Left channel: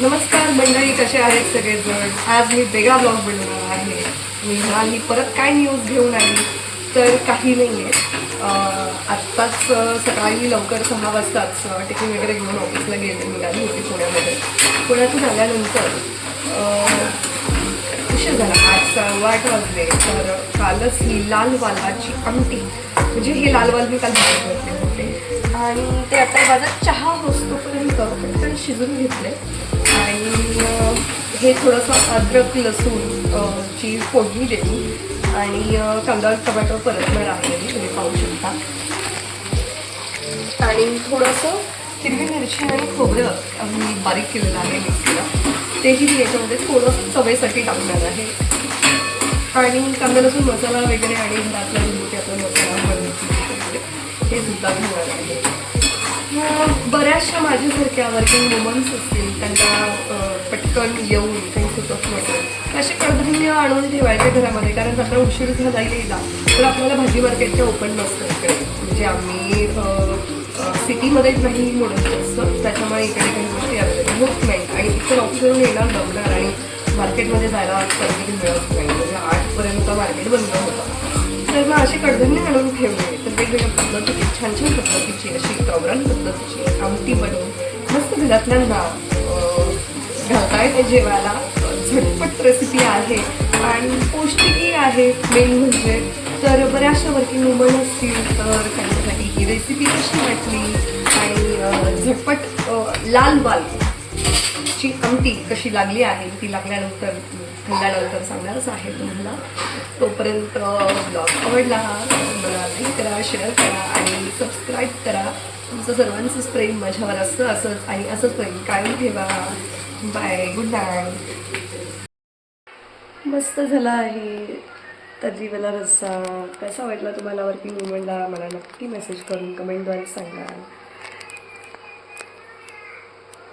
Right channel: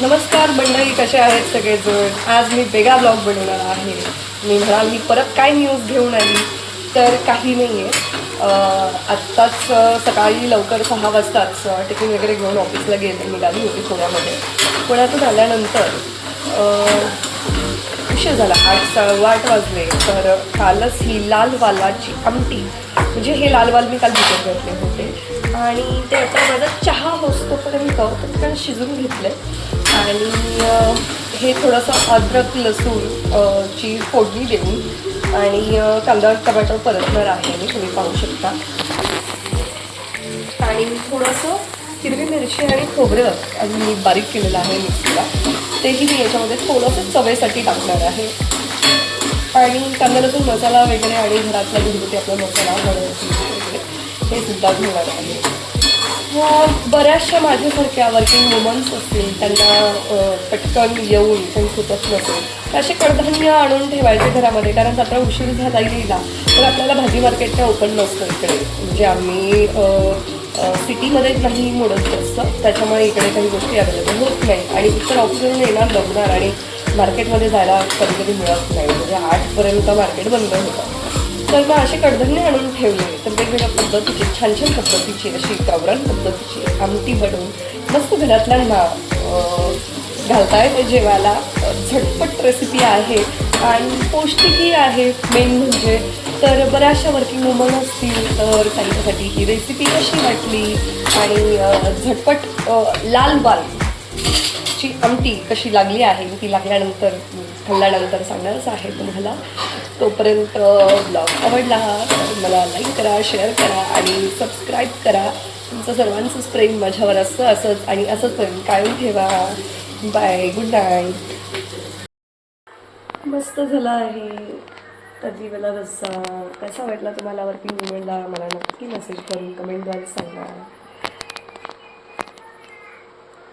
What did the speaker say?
नमस्कार मंडळी, कसे आहेत सगळेजण. आज मी वेगळा ब्लॉग बनवणार आहे. मी म्हणाल मी परत काय न्यूज घेऊन आली, तर काही नाही आहे. आत्ताच सकाळी लवकर 6 वाजताच टिफिन वगैरे घेऊन ऑफिसला निघाली होती पुण्यामध्ये. पुण्यातून आल्यानंतर उशीर झाला, 8:15 वाजले. तर कालच ही लाल वालाची आमटी, म्हणजे हे लाल वाल मी काल भिजत घातले होते आणि ते आता माझा चहा होतोपर्यंत पटकन शिजून घेतले. आणि हे थोडंसं अद्रक लसूण ची फोडणी देऊन आणि कांदा टमाटर परतणार आहे मी, तुम्ही पाहू शकता. आणि थोडंसं हिरवी मिरची आणि खोबरं मी बारीक केलेलं आहे मिक्सरला, तेही मी याच्यामध्ये थोडंसं चवेसाठी टाकणार आहे. आणि कांदा लसूण मसाला वगैरे आणि घरातला घरगुती आपला मसाला वगैरे हे सुद्धा घालणार आहे. बऱ्याचशा माझ्यासारख्या वर्किंग वुमन्स असतील, त्यांना पटकन येऊन काही सुचत नसेल असे कडधान्य आणून ठेवायचे घरामध्ये, कारण आता उशीर झाला येईला तर आपल्याला भाजी मार्केटच्या ओपन नसतं इकडे. म्हणजे आम्ही सिटीमध्येच नाही मोडत असतं, त्याच्यामुळे इकडे काही गोष्टी अवेलेबल होत नाही. आणि इकडे ऑफिसवरून येणार दमणार आणि मार्केटमध्ये जायला कधी कधी मिळत नाही. म्हणजे 8पर्यंत मार्केट बंद होतं. तर मग असे कडधान्य आणून ठेवले तर वेगवेगळ्या पद्धतीची छान छान पद्धतीची अशी गावरान पद्धतीची आमटी बनवून मस्त घरातल्यांना घालता येते जेवायला. झटपट रेसिपी आहे आणि पौष्टिकही आहे मेन म्हणजे. तर बऱ्याचशा वर्किंग वुमन असतील तर त्यांच्यासाठी ही रेसिपी कशी वाटली आणि झटपट लाल वाल ची आमटी कशी लागली आहे, ती लागल्यानंतर खाल्ल्यानंतर सांगणारच आहे तुम्हाला. तोपर्यंत ब्लॉग आवडला मला लाईक करा, शेअर करा आणि सबस्क्राईब करा. तुमचं सर्वांचंच प्रेम माझ्यावर असतं असंच आणि असंच प्रेम कायम ठेवा. Bye, good night. मस्त झाला आहे तर्रीवाला रस्सा. कसा वाटला तुम्हाला वर्किंग वुमनला मला नक्की मेसेज करून कमेंटद्वारे सांगा.